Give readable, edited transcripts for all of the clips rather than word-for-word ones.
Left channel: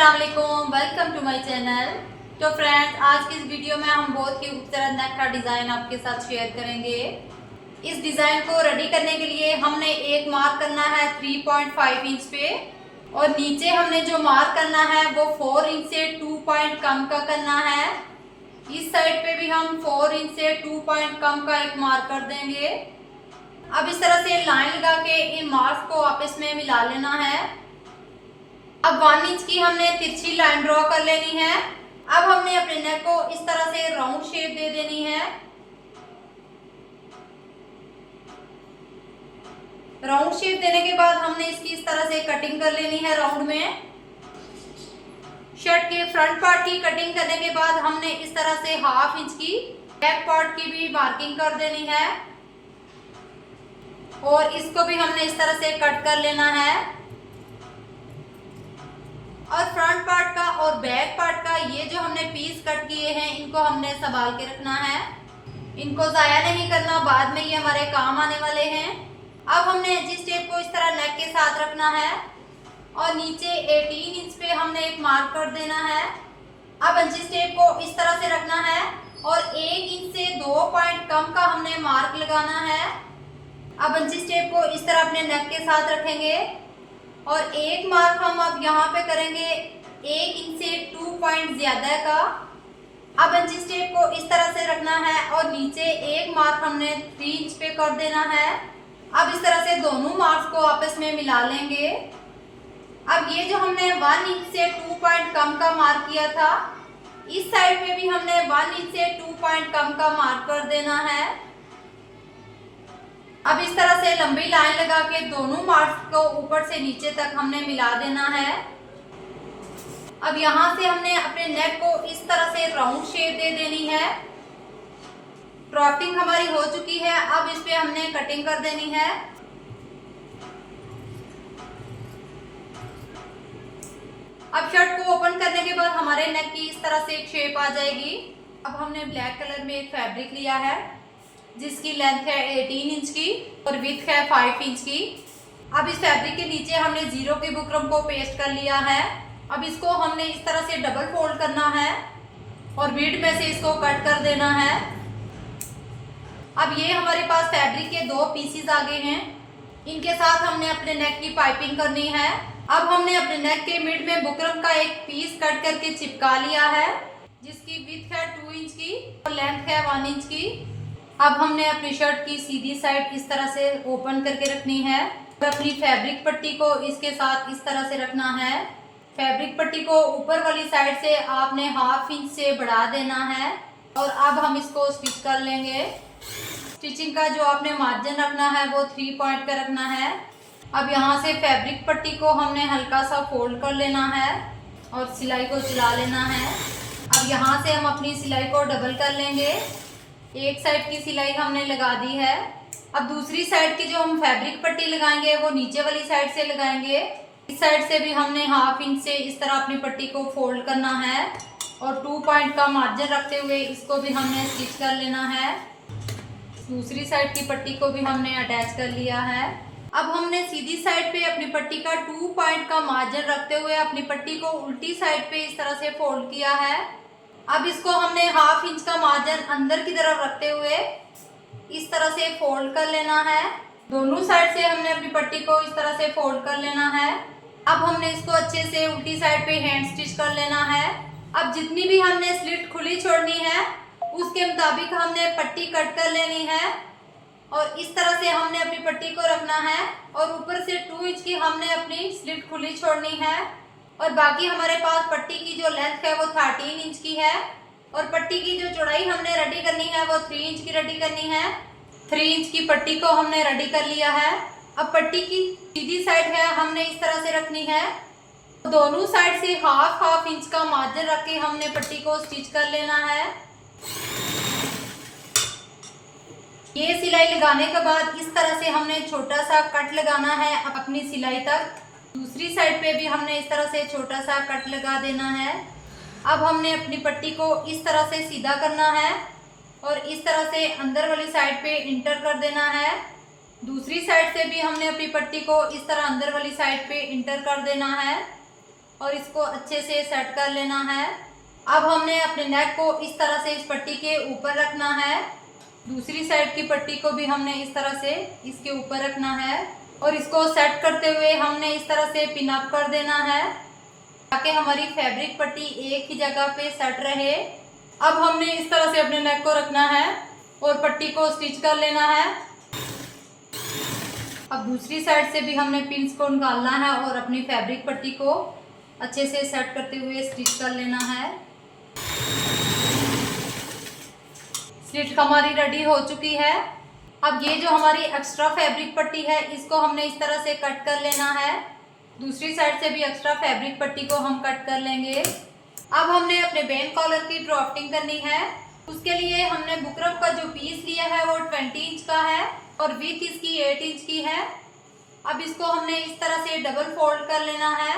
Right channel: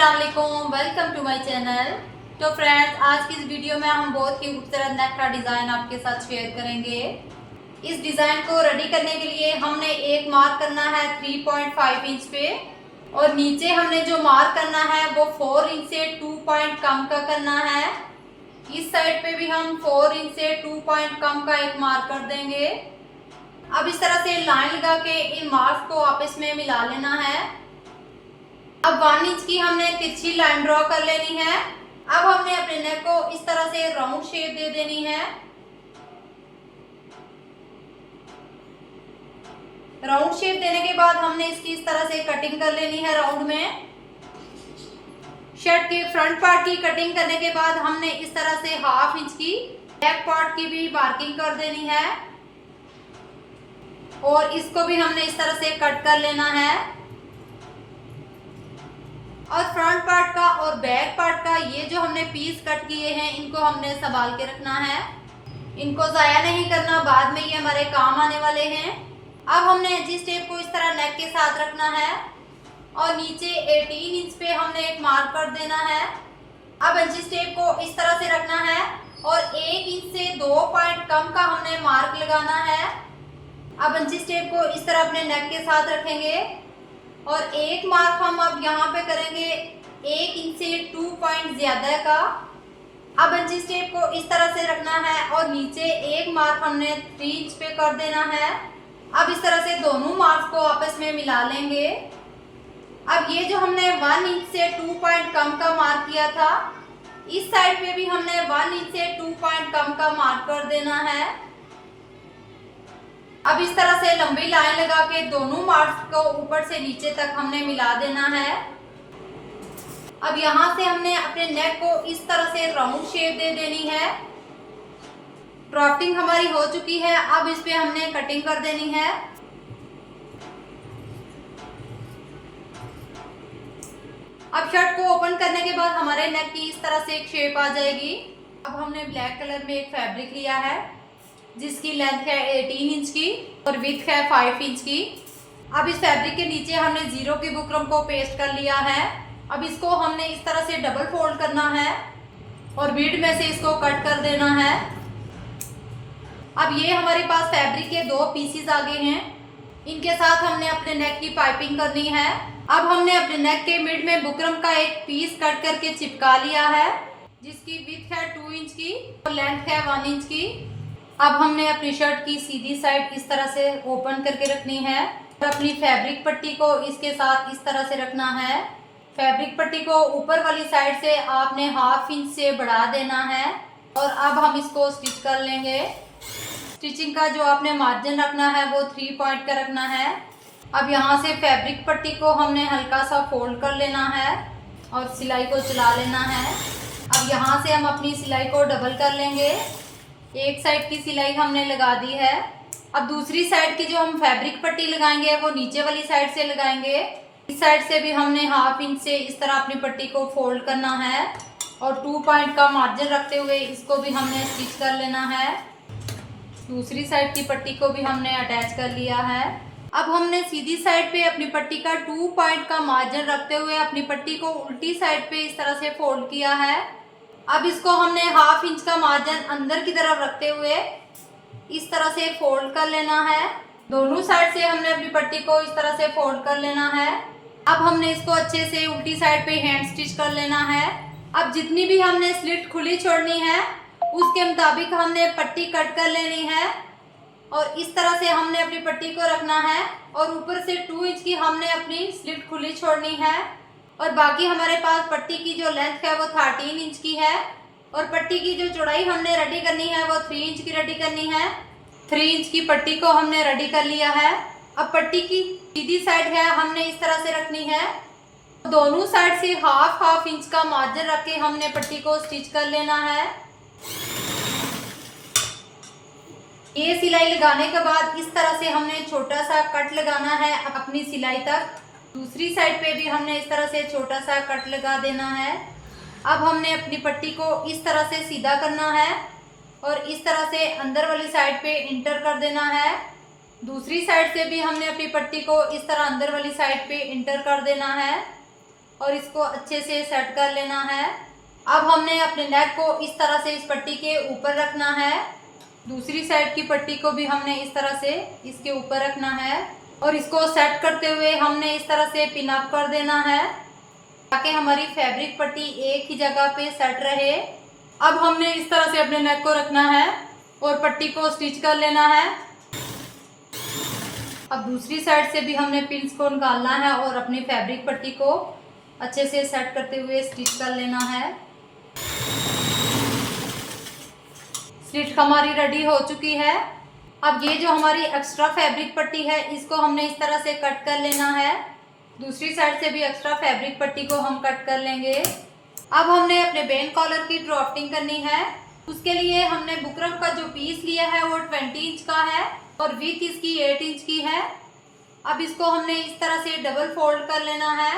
अस्सलाम वालेकुम, welcome to my channel. तो फ्रेंड्स, आज की इस वीडियो में हम बहुत ही खूबसूरत नेक का डिज़ाइन आपके साथ शेयर करेंगे। इस डिज़ाइन को रेडी करने के लिए हमने एक मार्क करना है 3.5 इंच पे, और नीचे हमने जो मार्क करना है वो 4 इंच से 2 पॉइंट कम का करना है। इस साइड पे भी हम 4 इंच से 2 पॉइंट कम का एक मार्क कर देंगे। अब इस तरह से लाइन लगा के इन मार्क्स को आपस में मिला लेना है। अब 1 इंच की हमने तिरछी लाइन ड्रॉ कर लेनी है। अब हमने अपने नेक को इस तरह से राउंड शेप दे देनी है। राउंड शेप देने के बाद हमने इसकी इस तरह से कटिंग कर लेनी है राउंड में। शर्ट के फ्रंट पार्ट की कटिंग करने के बाद हमने इस तरह से 1/2 इंच की बैक पार्ट की भी मार्किंग कर देनी है, और इसको भी हमने इस तरह से कट कर लेना है। और फ्रंट पार्ट का और बैक पार्ट का ये जो हमने पीस कट किए हैं, इनको हमने संभाल के रखना है। इनको ज़ाया नहीं करना, बाद में ये हमारे काम आने वाले हैं। अब हमने एजिस टेप को इस तरह नेक के साथ रखना है, और नीचे 18 इंच पे हमने एक मार्क कर देना है। अब एजिस टेप को इस तरह से रखना है, और 1 इंच से 2 पॉइंट कम का हमने मार्क लगाना है। अब एजिस टेप को इस तरह अपने नेक के साथ रखेंगे, और एक मार्क हम अब यहाँ पे करेंगे 1 इंच से 2 पॉइंट ज्यादा का। अब एजिस टेप को इस तरह से रखना है, और नीचे एक मार्क हमने 3 इंच पे कर देना है। अब इस तरह से दोनों मार्क्स को आपस में मिला लेंगे। अब ये जो हमने 1 इंच से 2 पॉइंट कम का मार्क किया था, इस साइड पे भी हमने 1 इंच से 2 पॉइंट कम का मार्क कर देना है। अब इस तरह से लंबी लाइन लगा के दोनों मार्क्स को ऊपर से नीचे तक हमने मिला देना है। अब यहाँ से हमने अपने नेक को इस तरह से राउंड शेप दे देनी है। ड्राफ्टिंग हमारी हो चुकी है, अब इस पे हमने कटिंग कर देनी है। अब शर्ट को ओपन करने के बाद हमारे नेक की इस तरह से एक शेप आ जाएगी। अब हमने ब्लैक कलर में एक फैब्रिक लिया है, जिसकी लेंथ है 18 इंच की और विड्थ है 5 इंच की। अब इस फैब्रिक के नीचे हमने 0 के बुकरम को पेस्ट कर लिया है। अब इसको हमने इस तरह से डबल फोल्ड करना है, और बीड में से इसको कट कर देना है। अब ये हमारे पास फैब्रिक के 2 पीसीज आ गए हैं। इनके साथ हमने अपने नेक की पाइपिंग करनी है। अब हमने अपने नेक के मिड में बुकरम का एक पीस कट करके चिपका लिया है, जिसकी विड्थ है 2 इंच की और लेंथ है 1 इंच की। अब हमने अपनी शर्ट की सीधी साइड इस तरह से ओपन करके रखनी है, और अपनी फैब्रिक पट्टी को इसके साथ इस तरह से रखना है। फैब्रिक पट्टी को ऊपर वाली साइड से आपने 1/2 इंच से बढ़ा देना है, और अब हम इसको स्टिच कर लेंगे। स्टिचिंग का जो आपने मार्जिन रखना है वो 3 पॉइंट का रखना है। अब यहाँ से फैब्रिक पट्टी को हमने हल्का सा फोल्ड कर लेना है, और सिलाई को चला लेना है। अब यहाँ से हम अपनी सिलाई को डबल कर लेंगे। एक साइड की सिलाई हमने लगा दी है। अब दूसरी साइड की जो हम फैब्रिक पट्टी लगाएंगे वो नीचे वाली साइड से लगाएंगे। इस साइड से भी हमने 1/2 इंच से इस तरह अपनी पट्टी को फोल्ड करना है, और 2 पॉइंट का मार्जिन रखते हुए इसको भी हमने स्टिच कर लेना है। दूसरी साइड की पट्टी को भी हमने अटैच कर लिया है। अब हमने सीधी साइड पे अपनी पट्टी का 2 पॉइंट का मार्जिन रखते हुए अपनी पट्टी को उल्टी साइड पे इस तरह से फोल्ड किया है। अब इसको हमने 1/2 इंच का मार्जिन अंदर की तरफ रखते हुए इस तरह से फोल्ड कर लेना है। दोनों साइड से हमने अपनी पट्टी को इस तरह से फोल्ड कर लेना है। अब हमने इसको अच्छे से उल्टी साइड पे हैंड स्टिच कर लेना है। अब जितनी भी हमने स्लिट खुली छोड़नी है, उसके मुताबिक हमने पट्टी कट कर लेनी है, और इस तरह से हमने अपनी पट्टी को रखना है, और ऊपर से 2 इंच की हमने अपनी स्लिट खुली छोड़नी है। और बाकी हमारे पास पट्टी की जो लेंथ है वो 13 इंच की है, और पट्टी की जो चौड़ाई हमने रेडी करनी है वो 3 इंच की रेडी करनी है। 3 इंच की पट्टी को हमने रेडी कर लिया है। अब पट्टी की सीधी साइड है हमने इस तरह से रखनी है। दोनों साइड से 1/2 इंच का मार्जिन रख के हमने पट्टी को स्टिच कर लेना है। ये सिलाई लगाने के बाद इस तरह से हमने छोटा सा कट लगाना है अपनी सिलाई तक। दूसरी साइड पे भी हमने इस तरह से छोटा सा कट लगा देना है। अब हमने अपनी पट्टी को इस तरह से सीधा करना है, और इस तरह से अंदर वाली साइड पे इंटर कर देना है। दूसरी साइड से भी हमने अपनी पट्टी को इस तरह अंदर वाली साइड पे इंटर कर देना है। और इसको अच्छे से सेट कर लेना है। अब हमने अपने नेक को इस तरह से इस पट्टी के ऊपर रखना है। दूसरी साइड की पट्टी को भी हमने इस तरह से इसके ऊपर रखना है और इसको सेट करते हुए हमने इस तरह से पिन अप कर देना है ताकि हमारी फैब्रिक पट्टी एक ही जगह पे सेट रहे। अब हमने इस तरह से अपने नेक को रखना है और पट्टी को स्टिच कर लेना है। अब दूसरी साइड से भी हमने पिन्स को निकालना है और अपनी फैब्रिक पट्टी को अच्छे से सेट करते हुए स्टिच कर लेना है। स्टिच हमारी रेडी हो चुकी है। अब ये जो हमारी एक्स्ट्रा फैब्रिक पट्टी है इसको हमने इस तरह से कट कर लेना है। दूसरी साइड से भी एक्स्ट्रा फैब्रिक पट्टी को हम कट कर लेंगे। अब हमने अपने बेन कॉलर की ड्राफ्टिंग करनी है। उसके लिए हमने बुकरम का जो पीस लिया है वो 20 इंच का है और विड्थ इसकी 8 इंच की है। अब इसको हमने इस तरह से डबल फोल्ड कर लेना है।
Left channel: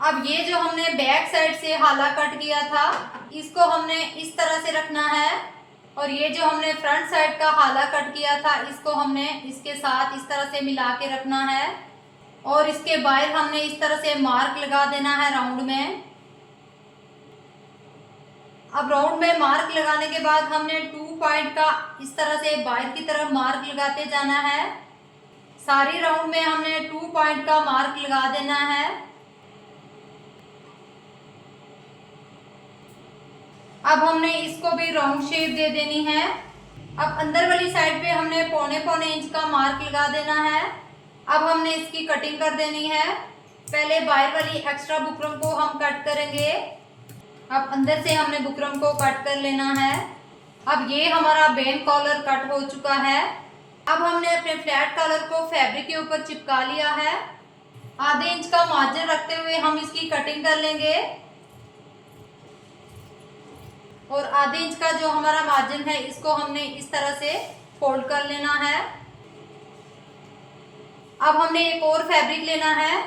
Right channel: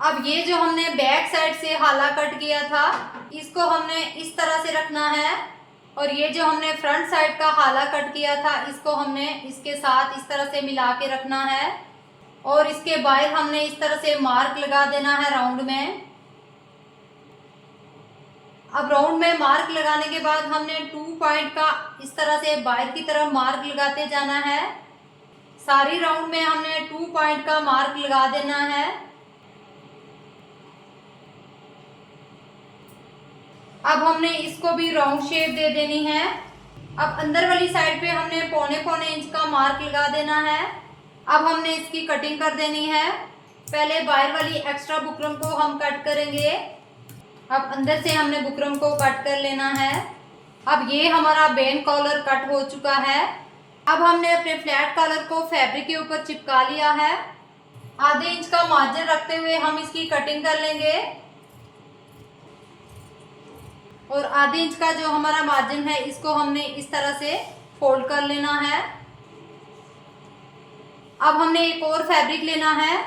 अब ये जो हमने बैक साइड से हाला कट किया था इसको हमने इस तरह से रखना है और ये जो हमने फ्रंट साइड का हाला कट किया था इसको हमने इसके साथ इस तरह से मिला के रखना है और इसके बाहर हमने इस तरह से मार्क लगा देना है राउंड में। अब राउंड में मार्क लगाने के बाद हमने 2 पॉइंट का इस तरह से बाहर की तरफ मार्क लगाते जाना है। सारी राउंड में हमने 2 पॉइंट का मार्क लगा देना है। अब हमने इसको भी राउंड शेप दे देनी है। अब अंदर वाली साइड पे हमने पौने इंच का मार्क लगा देना है। अब हमने इसकी कटिंग कर देनी है। पहले बाहर वाली एक्स्ट्रा बुकरम को हम कट करेंगे। अब अंदर से हमने बुकरम को कट कर लेना है। अब ये हमारा बेन कॉलर कट हो चुका है। अब हमने अपने फ्लैट कॉलर को फैब्रिक के ऊपर चिपका लिया है। आधे इंच का मार्जिन रखते हुए हम इसकी कटिंग कर लेंगे और आधे इंच का जो हमारा मार्जिन है इसको हमने इस तरह से फोल्ड कर लेना है। अब हमने एक और फैब्रिक लेना है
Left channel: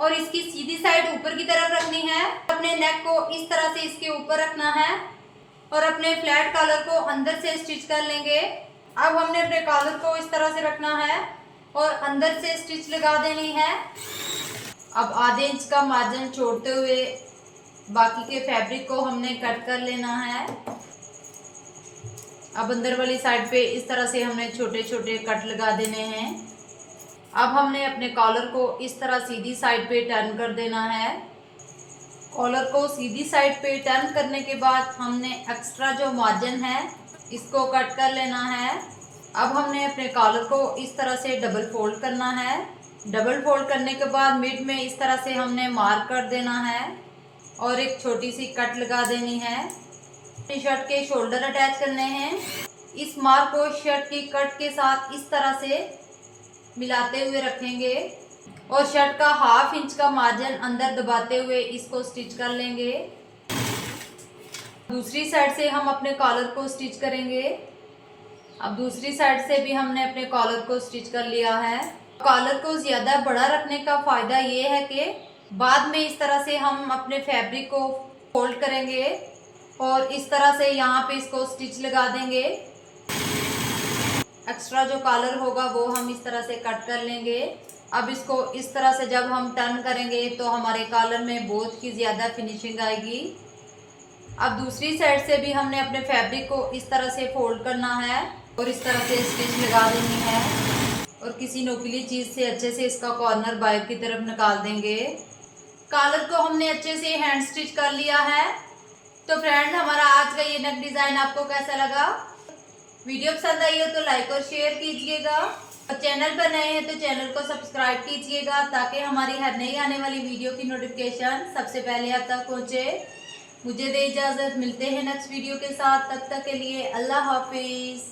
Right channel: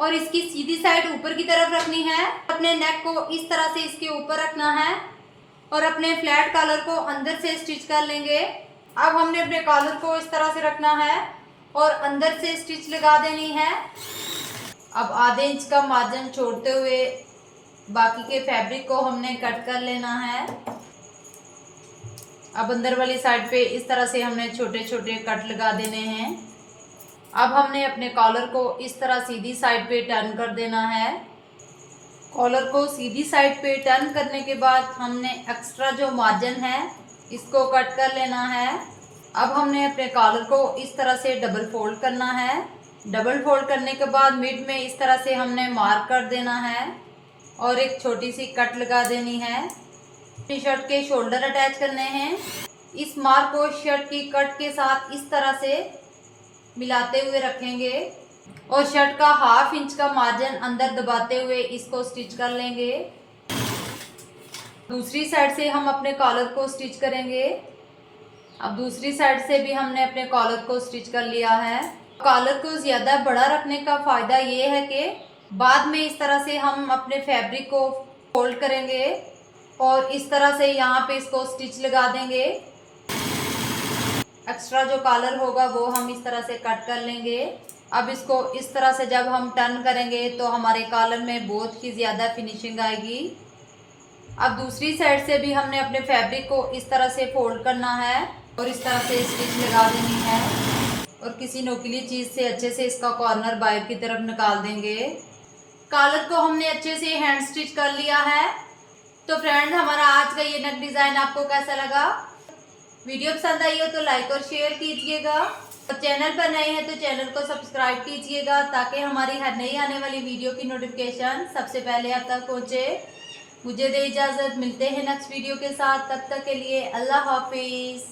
और इसकी सीधी साइड ऊपर की तरफ रखनी है। अपने नेक को इस तरह से इसके ऊपर रखना है और अपने फ्लैट कॉलर को अंदर से स्टिच कर लेंगे। अब हमने अपने कॉलर को इस तरह से रखना है और अंदर से स्टिच लगा देनी है। अब आधे इंच का मार्जिन छोड़ते हुए बाकी के फैब्रिक को हमने कट कर लेना है। अब अंदर वाली साइड पे इस तरह से हमने छोटे छोटे कट लगा देने हैं। अब हमने अपने कॉलर को इस तरह सीधी साइड पे टर्न कर देना है। कॉलर को सीधी साइड पे टर्न करने के बाद हमने एक्स्ट्रा जो मार्जिन है इसको कट कर लेना है। अब हमने अपने कॉलर को इस तरह से डबल फोल्ड करना है। डबल फोल्ड करने के बाद मिड में इस तरह से हमने मार्क कर देना है और एक छोटी सी कट लगा देनी है। टी शर्ट के शोल्डर अटैच करने हैं। इस मार्क को शर्ट की कट के साथ इस तरह से मिलाते हुए रखेंगे और शर्ट का 1/2 इंच का मार्जिन अंदर दबाते हुए इसको स्टिच कर लेंगे। दूसरी साइड से हम अपने कॉलर को स्टिच करेंगे। अब दूसरी साइड से भी हमने अपने कॉलर को स्टिच कर लिया है। कॉलर को ज़्यादा बड़ा रखने का फ़ायदा ये है कि बाद में इस तरह से हम अपने फैब्रिक को फोल्ड करेंगे और इस तरह से यहाँ पे इसको स्टिच लगा देंगे। एक्स्ट्रा जो कॉलर होगा वो हम इस तरह से कट कर लेंगे। अब इसको इस तरह से जब हम टर्न करेंगे तो हमारे कॉलर में बहुत ही ज़्यादा फिनिशिंग आएगी। अब दूसरी साइड से भी हमने अपने फैब्रिक को इस तरह से फोल्ड करना है और इस तरह से स्टिच लगा देनी है और किसी नोकीली चीज़ से अच्छे से इसका कॉर्नर बाहर की तरफ निकाल देंगे। कॉलर को हमने अच्छे से हैंड स्टिच कर लिया है। तो फ्रेंड्स, हमारा आज का ये नेक डिज़ाइन आपको कैसा लगा? वीडियो पसंद आई हो तो लाइक और शेयर कीजिएगा और चैनल पर नए हैं तो चैनल को सब्सक्राइब कीजिएगा ताकि हमारी हर नई आने वाली वीडियो की नोटिफिकेशन सबसे पहले आप तक पहुँचे। मुझे दे इजाज़त, मिलते हैं नेक्स्ट वीडियो के साथ। तब तक के लिए अल्लाह हाफिज़।